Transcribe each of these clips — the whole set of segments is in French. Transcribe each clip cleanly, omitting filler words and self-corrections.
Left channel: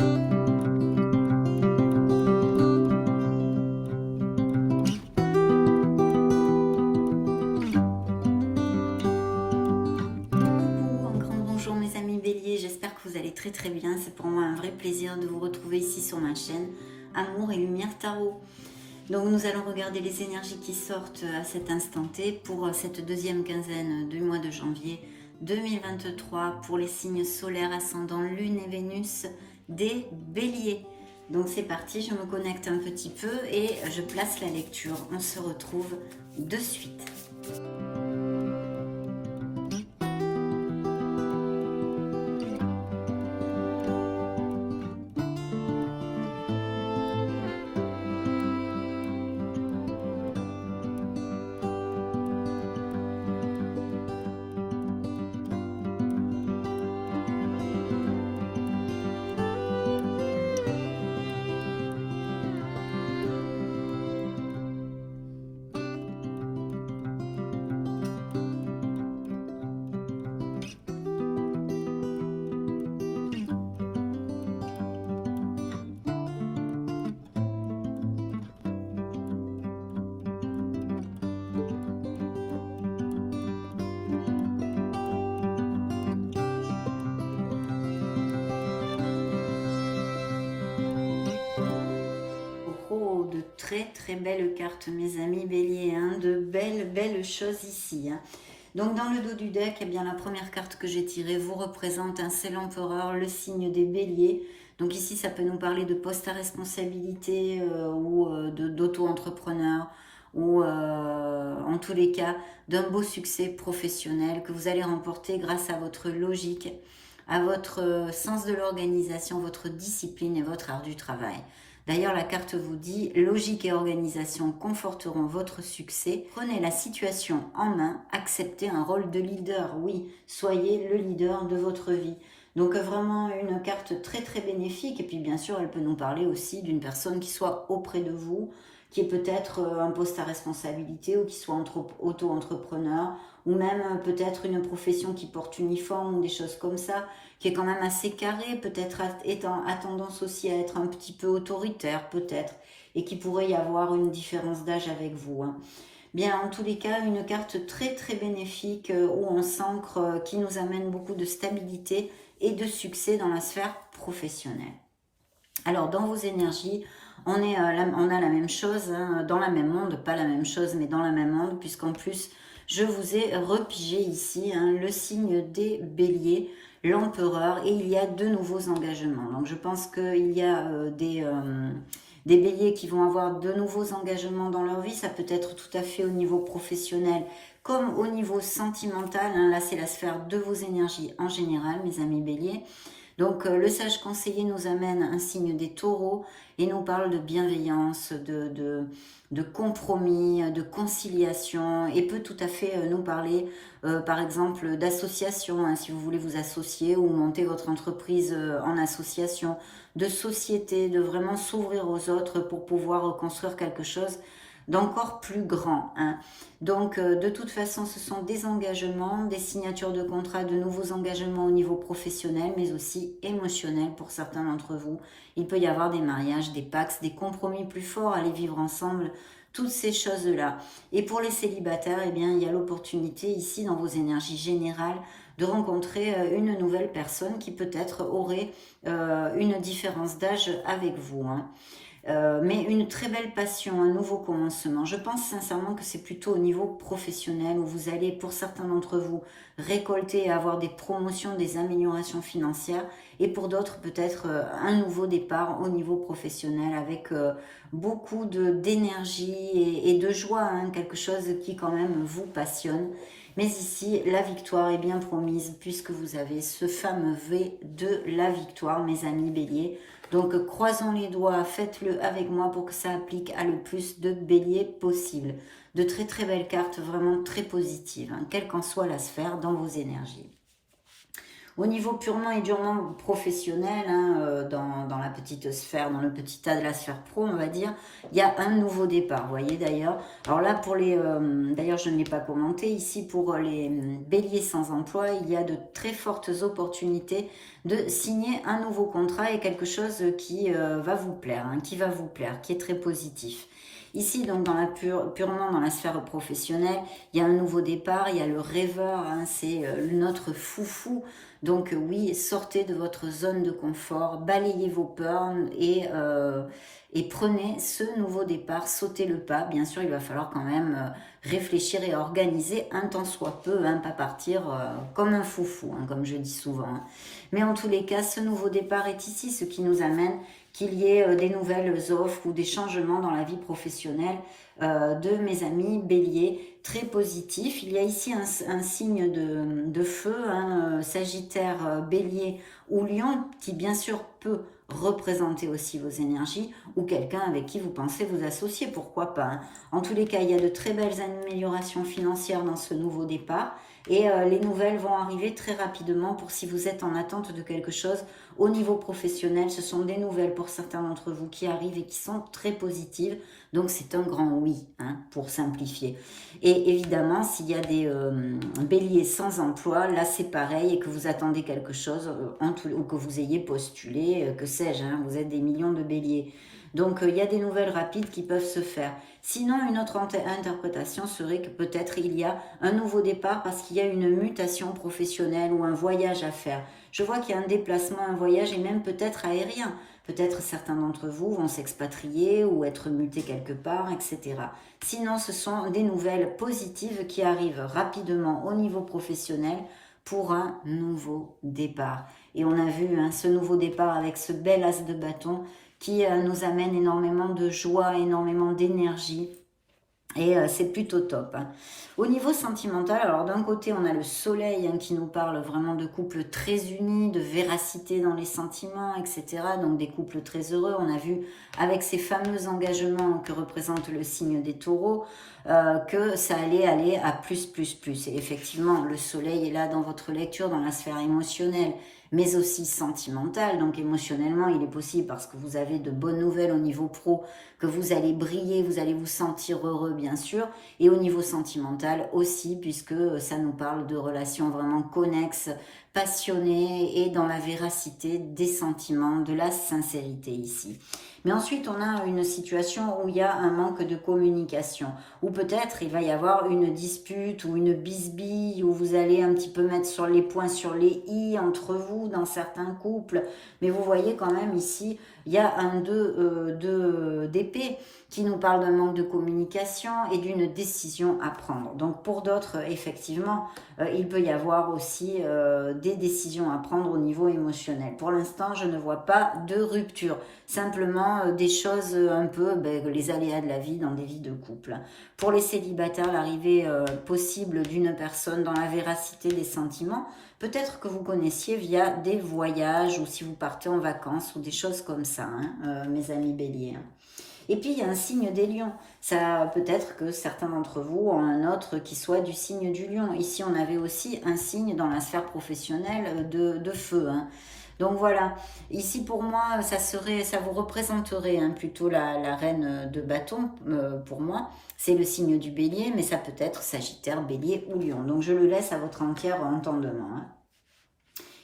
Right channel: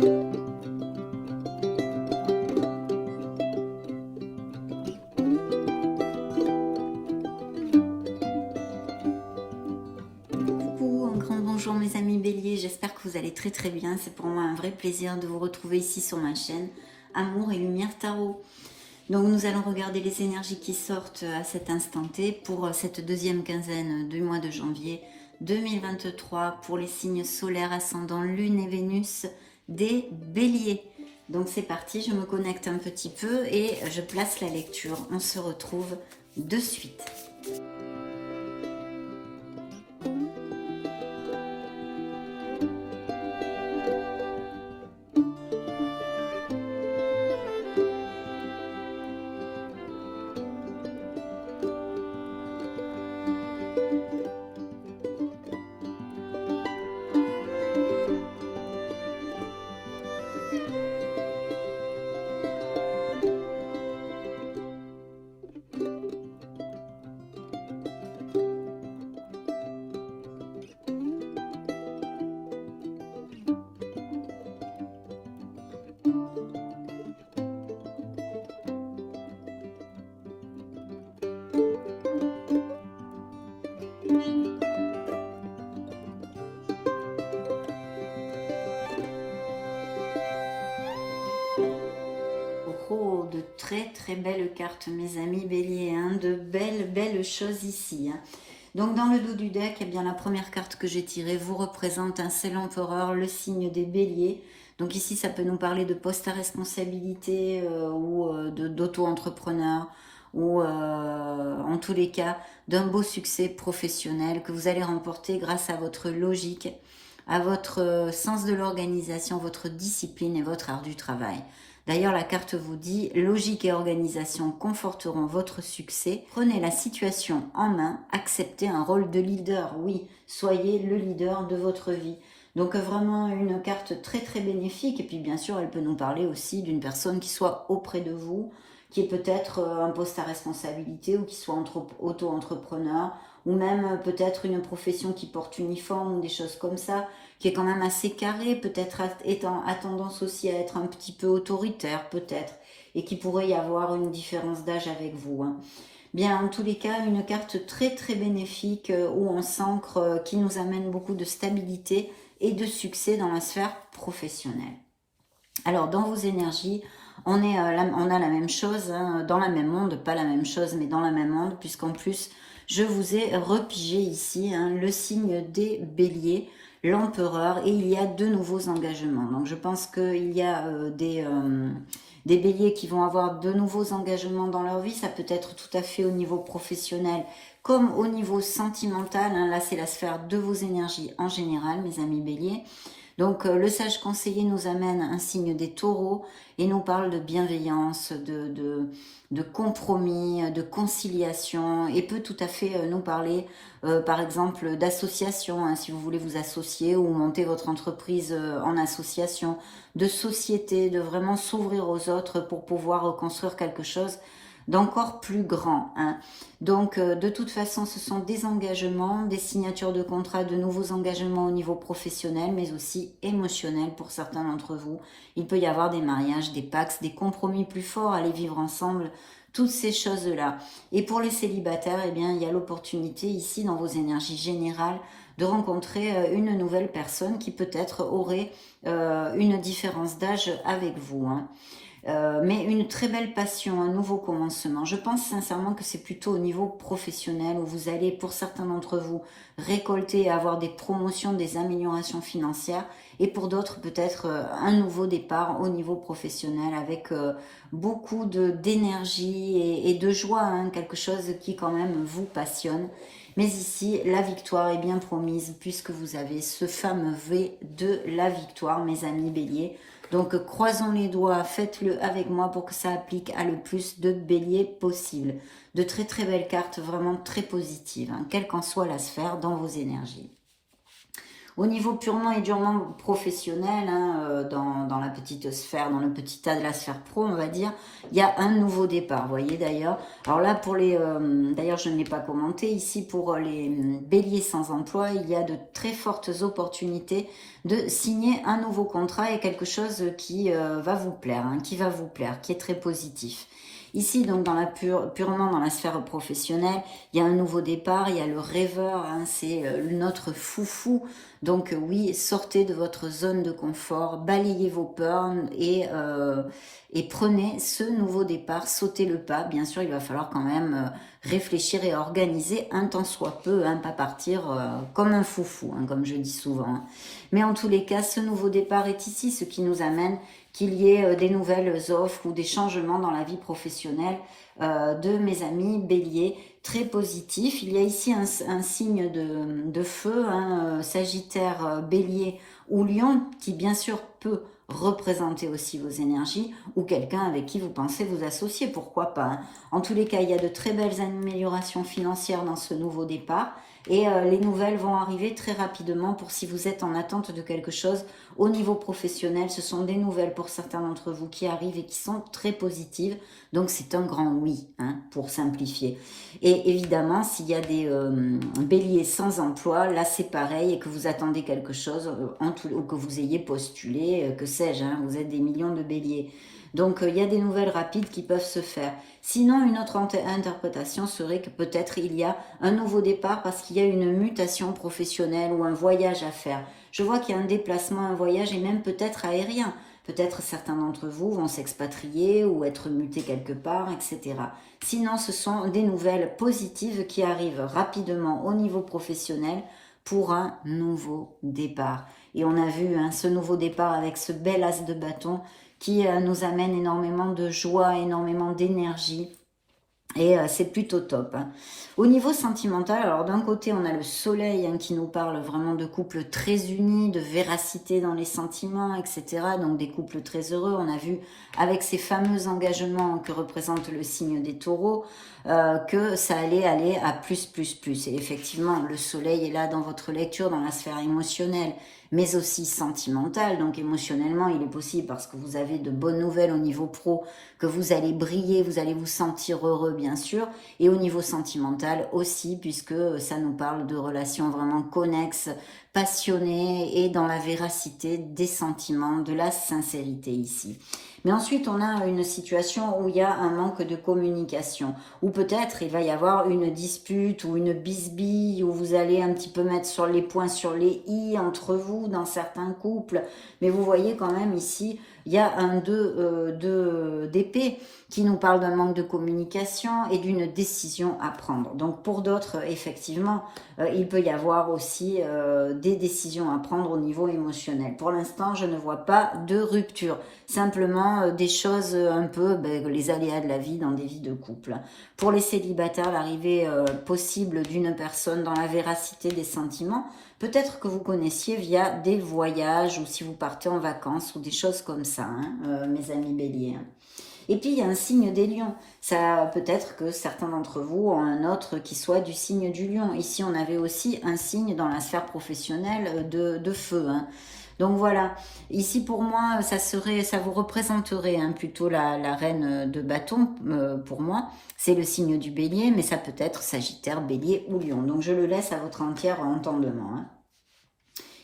Coucou, un grand bonjour mes amis béliers, j'espère que vous allez très bien. C'est pour moi un vrai plaisir de vous retrouver ici sur ma chaîne Amour et Lumière Tarot. Donc nous allons regarder les énergies qui sortent à cet instant T pour cette deuxième quinzaine du mois de janvier 2023 pour les signes solaires, ascendant Lune et Vénus des béliers. Donc c'est parti, je me connecte un petit peu et je place la lecture. On se retrouve de suite. De très belles cartes mes amis béliers, hein, de belles choses ici, hein. Donc dans le dos du deck, eh bien, la première carte que j'ai tirée vous représente, c'est l'empereur, le signe des béliers. Donc ici ça peut nous parler de poste à responsabilité ou d'auto-entrepreneur, ou en tous les cas d'un beau succès professionnel que vous allez remporter grâce à votre logique, à votre sens de l'organisation, votre discipline et votre art du travail. D'ailleurs, la carte vous dit, logique et organisation conforteront votre succès. Prenez la situation en main, acceptez un rôle de leader. Oui, soyez le leader de votre vie. Donc vraiment une carte très bénéfique. Et puis bien sûr, elle peut nous parler aussi d'une personne qui soit auprès de vous, qui est peut-être un poste à responsabilité ou qui soit auto-entrepreneur, ou même peut-être une profession qui porte uniforme ou des choses comme ça, qui est quand même assez carré, peut-être a tendance aussi à être un petit peu autoritaire, peut-être, et qui pourrait y avoir une différence d'âge avec vous, hein. Bien, en tous les cas, une carte très bénéfique où on s'ancre, qui nous amène beaucoup de stabilité et de succès dans la sphère professionnelle. Alors, dans vos énergies, on a la même chose, hein, dans la même onde, pas la même chose, mais dans la même onde, puisqu'en plus, je vous ai repigé ici, hein, le signe des béliers, l'empereur, et il y a de nouveaux engagements. Donc je pense qu'il y a des béliers qui vont avoir de nouveaux engagements dans leur vie. Ça peut être tout à fait au niveau professionnel comme au niveau sentimental, hein. Là c'est la sphère de vos énergies en général, mes amis béliers. Donc le sage conseiller nous amène un signe des taureaux et nous parle de bienveillance, de compromis, de conciliation, et peut tout à fait nous parler par exemple d'association, hein, si vous voulez vous associer ou monter votre entreprise en association, de société, de vraiment s'ouvrir aux autres pour pouvoir construire quelque chose d'encore plus grand, hein. Donc de toute façon ce sont des engagements, des signatures de contrats, de nouveaux engagements au niveau professionnel mais aussi émotionnel pour certains d'entre vous. Il peut y avoir des mariages, des pactes, des compromis plus forts, aller vivre ensemble, toutes ces choses là. Et pour les célibataires, eh bien il y a l'opportunité ici dans vos énergies générales de rencontrer une nouvelle personne qui peut-être aurait une différence d'âge avec vous, hein. Mais une très belle passion, un nouveau commencement. Je pense sincèrement que c'est plutôt au niveau professionnel où vous allez, pour certains d'entre vous, récolter et avoir des promotions, des améliorations financières, et pour d'autres peut-être un nouveau départ au niveau professionnel avec beaucoup d'énergie et de joie, hein, quelque chose qui quand même vous passionne. Mais ici, la victoire est bien promise puisque vous avez ce fameux V de la victoire, mes amis béliers. Donc, croisons les doigts, faites-le avec moi pour que ça applique à le plus de béliers possible. De très belles cartes, vraiment très positives, hein, quelle qu'en soit la sphère dans vos énergies. Au niveau purement et durement professionnel, hein, dans la petite sphère, dans le petit tas de la sphère pro, on va dire, il y a un nouveau départ, vous voyez d'ailleurs. Alors là, pour les, d'ailleurs je ne l'ai pas commenté, ici pour les béliers sans emploi, il y a de très fortes opportunités de signer un nouveau contrat et quelque chose qui va vous plaire, hein, qui va vous plaire, qui est très positif. Ici, donc, purement dans la sphère professionnelle, il y a un nouveau départ, il y a le rêveur, hein, c'est notre foufou. Donc oui, sortez de votre zone de confort, balayez vos peurs et prenez ce nouveau départ, sautez le pas. Bien sûr, il va falloir quand même réfléchir et organiser un temps soit peu, hein, pas partir comme un foufou, hein, comme je dis souvent. Hein. Mais en tous les cas, ce nouveau départ est ici, ce qui nous amène qu'il y ait des nouvelles offres ou des changements dans la vie professionnelle de mes amis béliers, très positif. Il y a ici un signe de feu, hein, Sagittaire, Bélier ou Lion, qui bien sûr peut représenter aussi vos énergies ou quelqu'un avec qui vous pensez vous associer, pourquoi pas. Hein. En tous les cas, il y a de très belles améliorations financières dans ce nouveau départ et les nouvelles vont arriver très rapidement pour si vous êtes en attente de quelque chose au niveau professionnel. Ce sont des nouvelles pour certains d'entre vous qui arrivent et qui sont très positives. Donc c'est un grand oui, hein, pour simplifier. Et évidemment, s'il y a des béliers sans emploi, là c'est pareil et que vous attendez quelque chose ou que vous ayez postulé, que sais-je, hein, vous êtes des millions de béliers. Donc il y a des nouvelles rapides qui peuvent se faire. Sinon, une autre interprétation serait que peut-être il y a un nouveau départ parce qu'il y a une mutation professionnelle ou un voyage à faire. Je vois qu'il y a un déplacement, un voyage et même peut-être aérien. Peut-être certains d'entre vous vont s'expatrier ou être mutés quelque part, etc. Sinon, ce sont des nouvelles positives qui arrivent rapidement au niveau professionnel pour un nouveau départ. Et on a vu hein, ce nouveau départ avec ce bel as de bâton qui nous amène énormément de joie, énormément d'énergie. Et c'est plutôt top. Hein. Au niveau sentimental, alors d'un côté, on a le soleil hein, qui nous parle vraiment de couples très unis, de véracité dans les sentiments, etc. Donc des couples très heureux. On a vu avec ces fameux engagements que représente le signe des taureaux, que ça allait aller à plus, plus, plus. Et effectivement, le soleil est là dans votre lecture, dans la sphère émotionnelle, mais aussi sentimentale. Donc émotionnellement, il est possible parce que vous avez de bonnes nouvelles au niveau pro, que vous allez briller, vous allez vous sentir heureux bien sûr, et au niveau sentimental aussi, puisque ça nous parle de relations vraiment connexes, passionnées et dans la véracité des sentiments, de la sincérité ici. Mais ensuite, on a une situation où il y a un manque de communication, ou peut-être il va y avoir une dispute ou une bisbille, où vous allez un petit peu mettre sur les points sur les i entre vous dans certains couples. Mais vous voyez quand même ici, il y a un 2 d'épée qui nous parle d'un manque de communication et d'une décision à prendre. Donc pour d'autres, effectivement, il peut y avoir aussi des décisions à prendre au niveau émotionnel. Pour l'instant, je ne vois pas de rupture. Simplement des choses un peu, les aléas de la vie dans des vies de couple. Pour les célibataires, l'arrivée possible d'une personne dans la véracité des sentiments, peut-être que vous connaissiez via des voyages ou si vous partez en vacances ou des choses comme ça, hein, mes amis béliers. Hein. Et puis, il y a un signe des lions. Ça peut-être que certains d'entre vous ont un autre qui soit du signe du lion. Ici, on avait aussi un signe dans la sphère professionnelle de feu. Hein. Donc voilà, ici pour moi, ça vous représenterait hein, plutôt la reine de bâton pour moi. C'est le signe du bélier, mais ça peut être Sagittaire, bélier ou lion. Donc je le laisse à votre entier entendement. Hein.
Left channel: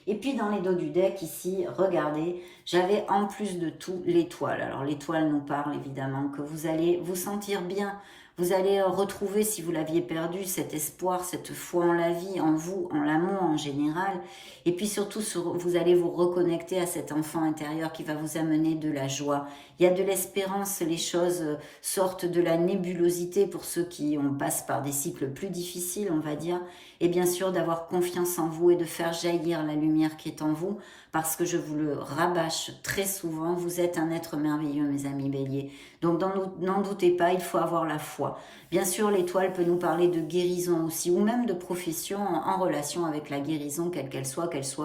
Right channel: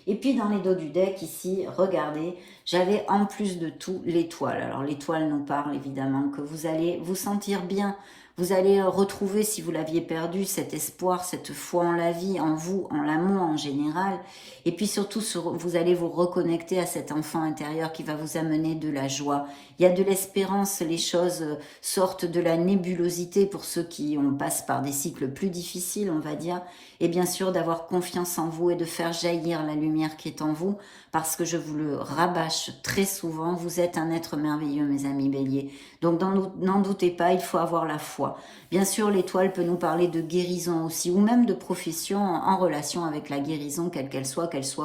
Et puis dans les dos du deck ici, regardez, j'avais en plus de tout l'étoile. Alors l'étoile nous parle évidemment que vous allez vous sentir bien. Vous allez retrouver, si vous l'aviez perdu, cet espoir, cette foi en la vie, en vous, en l'amour en général. Et puis surtout, vous allez vous reconnecter à cet enfant intérieur qui va vous amener de la joie. Il y a de l'espérance, les choses sortent de la nébulosité pour ceux qui passent par des cycles plus difficiles, on va dire. Et bien sûr, d'avoir confiance en vous et de faire jaillir la lumière qui est en vous. Parce que je vous le rabâche très souvent, vous êtes un être merveilleux, mes amis béliers. Donc n'en doutez pas, il faut avoir la foi. Bien sûr, l'étoile peut nous parler de guérison aussi, ou même de profession en relation avec la guérison, quelle qu'elle soit, que ce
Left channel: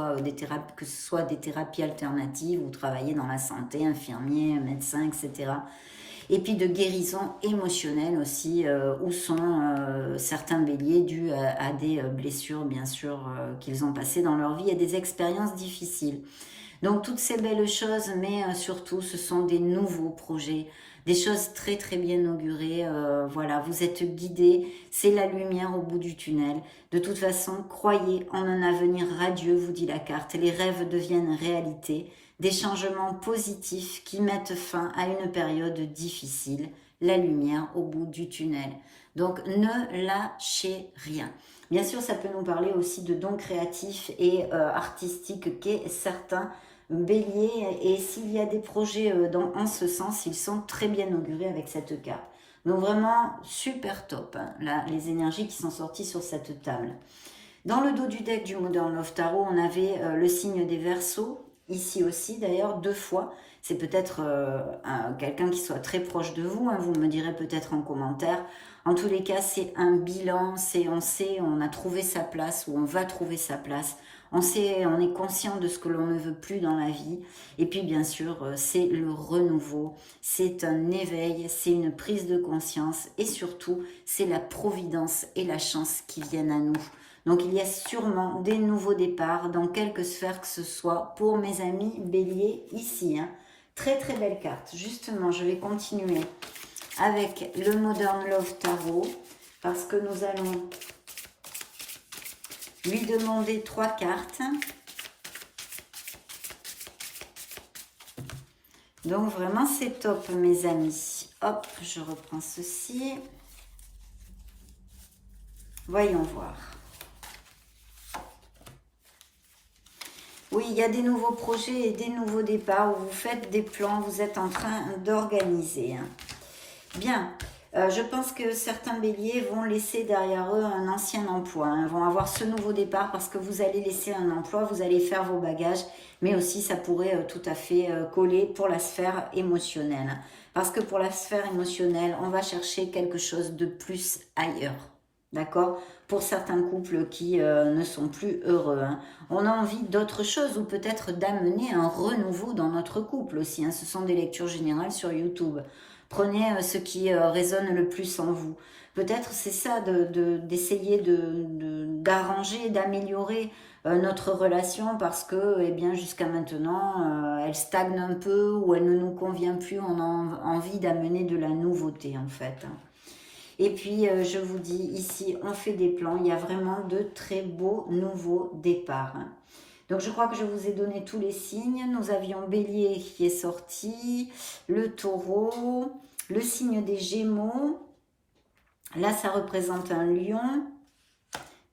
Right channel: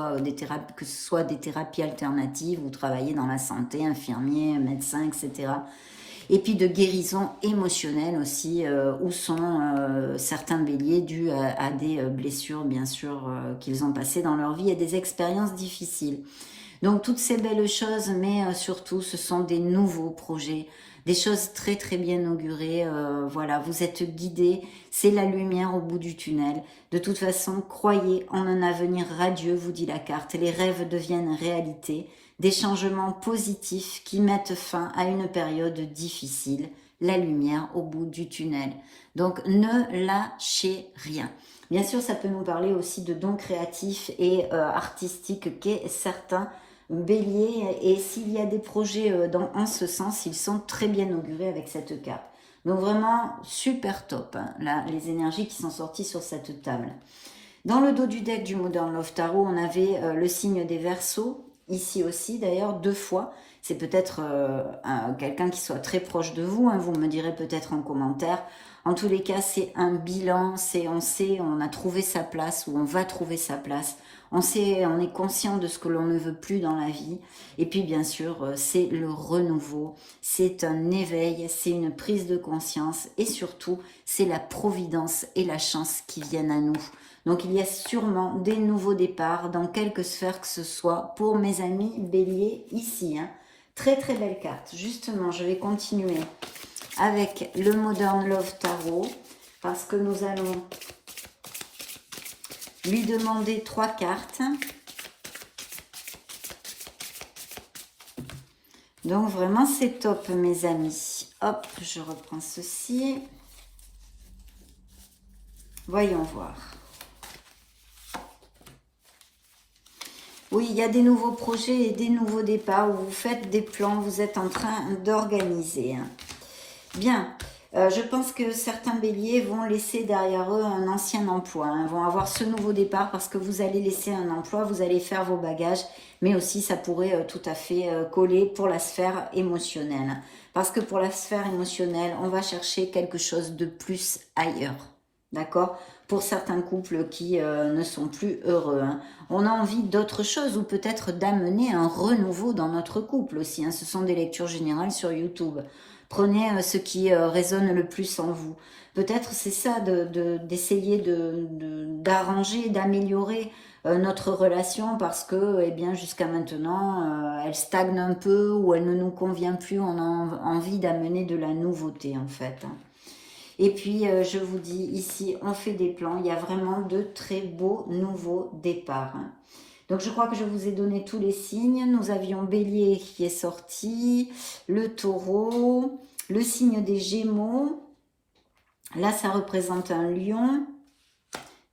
soit des thérapies alternatives, ou travailler dans la santé, infirmier, médecin, etc. Et puis de guérison émotionnelle aussi, où sont certains béliers dus à des blessures, bien sûr, qu'ils ont passées dans leur vie et des expériences difficiles. Donc toutes ces belles choses, mais surtout ce sont des nouveaux projets, des choses très très bien augurées. Voilà, vous êtes guidés, c'est la lumière au bout du tunnel. De toute façon, croyez en un avenir radieux, vous dit la carte. Les rêves deviennent réalité, des changements positifs qui mettent fin à une période difficile. La lumière au bout du tunnel. Donc ne lâchez rien. Bien sûr, ça peut nous parler aussi de dons créatifs et artistiques qu'est certains béliers. Et s'il y a des projets en ce sens, ils sont très bien augurés avec cette carte. Donc vraiment, super top, hein, là, les énergies qui sont sorties sur cette table. Dans le dos du deck du Modern Love Tarot, on avait le signe des Verseaux, ici aussi d'ailleurs, 2 fois. C'est peut-être quelqu'un qui soit très proche de vous, hein, vous me direz peut-être en commentaire. En tous les cas, c'est un bilan, on a trouvé sa place ou on va trouver sa place. On est conscient de ce que l'on ne veut plus dans la vie. Et puis bien sûr, c'est le renouveau, c'est un éveil, c'est une prise de conscience et surtout, c'est la providence et la chance qui viennent à nous. Donc il y a sûrement des nouveaux départs dans quelque sphère que ce soit pour mes amis béliers ici. Hein. Très très belle carte. Justement, je vais continuer avec le Modern Love Tarot parce que nous allons lui demander 3 cartes. Donc vraiment c'est top mes amis. Hop, je reprends ceci. Voyons voir. Oui, il y a des nouveaux projets et des nouveaux départs où vous faites des plans, vous êtes en train d'organiser. Bien, je pense que certains béliers vont laisser derrière eux un ancien emploi, hein, vont avoir ce nouveau départ parce que vous allez laisser un emploi, vous allez faire vos bagages, mais aussi ça pourrait tout à fait coller pour la sphère émotionnelle. Parce que pour la sphère émotionnelle, on va chercher quelque chose de plus ailleurs. D'accord? Pour certains couples qui ne sont plus heureux. Hein. On a envie d'autre chose ou peut-être d'amener un renouveau dans notre couple aussi. Hein. Ce sont des lectures générales sur YouTube. Prenez ce qui résonne le plus en vous. Peut-être c'est ça d'essayer d'arranger, d'améliorer notre relation parce que eh bien, jusqu'à maintenant, elle stagne un peu ou elle ne nous convient plus. On a envie d'amener de la nouveauté en fait. Hein. Et puis, je vous dis, ici, on fait des plans. Il y a vraiment de très beaux nouveaux départs. Hein. Donc, je crois que je vous ai donné tous les signes. Nous avions Bélier qui est sorti, le Taureau, le signe des Gémeaux. Là, ça représente un lion.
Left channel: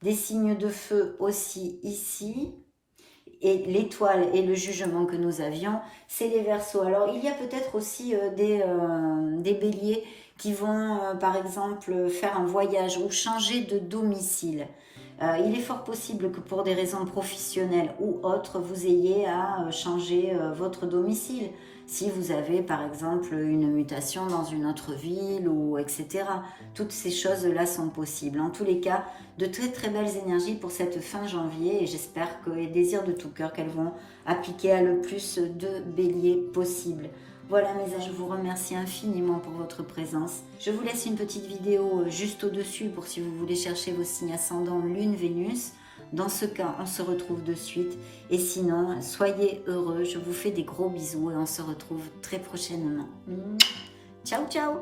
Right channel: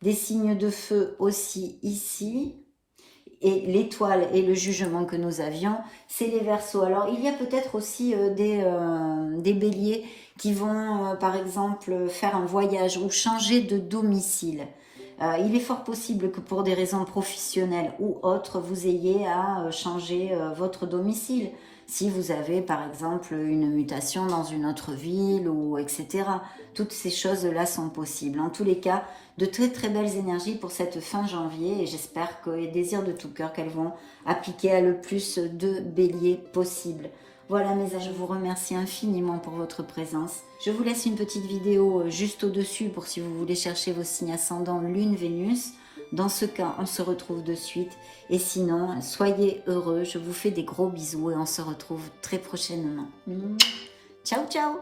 Des signes de feu aussi ici. Et l'étoile et le jugement que nous avions, c'est les Verseaux. Alors, il y a peut-être aussi des Béliers qui vont, par exemple, faire un voyage ou changer de domicile. Il est fort possible que pour des raisons professionnelles ou autres, vous ayez à changer votre domicile. Si vous avez, par exemple, une mutation dans une autre ville, ou etc. Toutes ces choses-là sont possibles. En tous les cas, de très très belles énergies pour cette fin janvier. Et j'espère que les désirs de tout cœur, qu'elles vont appliquer à le plus de béliers possible. Voilà mes anges, je vous remercie infiniment pour votre présence. Je vous laisse une petite vidéo juste au-dessus pour si vous voulez chercher vos signes ascendants Lune, Vénus. Dans ce cas, on se retrouve de suite. Et sinon, soyez heureux. Je vous fais des gros bisous et on se retrouve très prochainement. Ciao, ciao!